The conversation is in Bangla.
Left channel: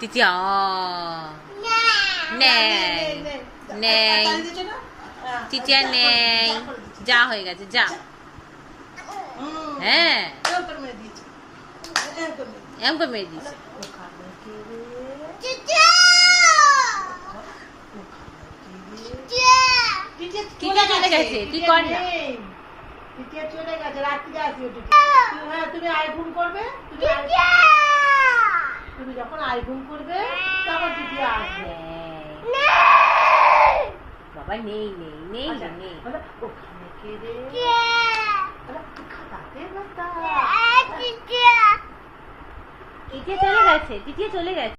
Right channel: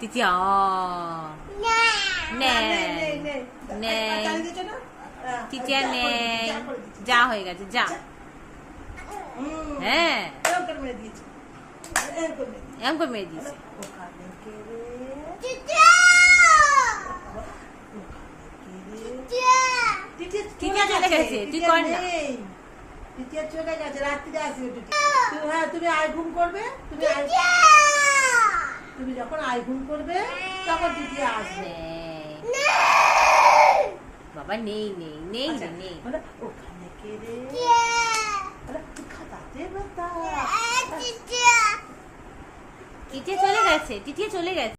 টিটিয়া টিটিয়া নেই, যা হয়ে গেছে যা। হ্যাঁ এরকম করে মেরে দিয়েছি। চলে গেছে, কি কর না চলে গেছে, রাত্রিরে আসবে। তুমি আই ঘুম করবে, তুমি যখন আই ঘুম করবে তখন টিটিয়া আসবে। বাবা নেই নেই নেই নেই, ওখানে কে রে? টিটিয়া চলে গেছে, টিটিয়া চলে গেছে।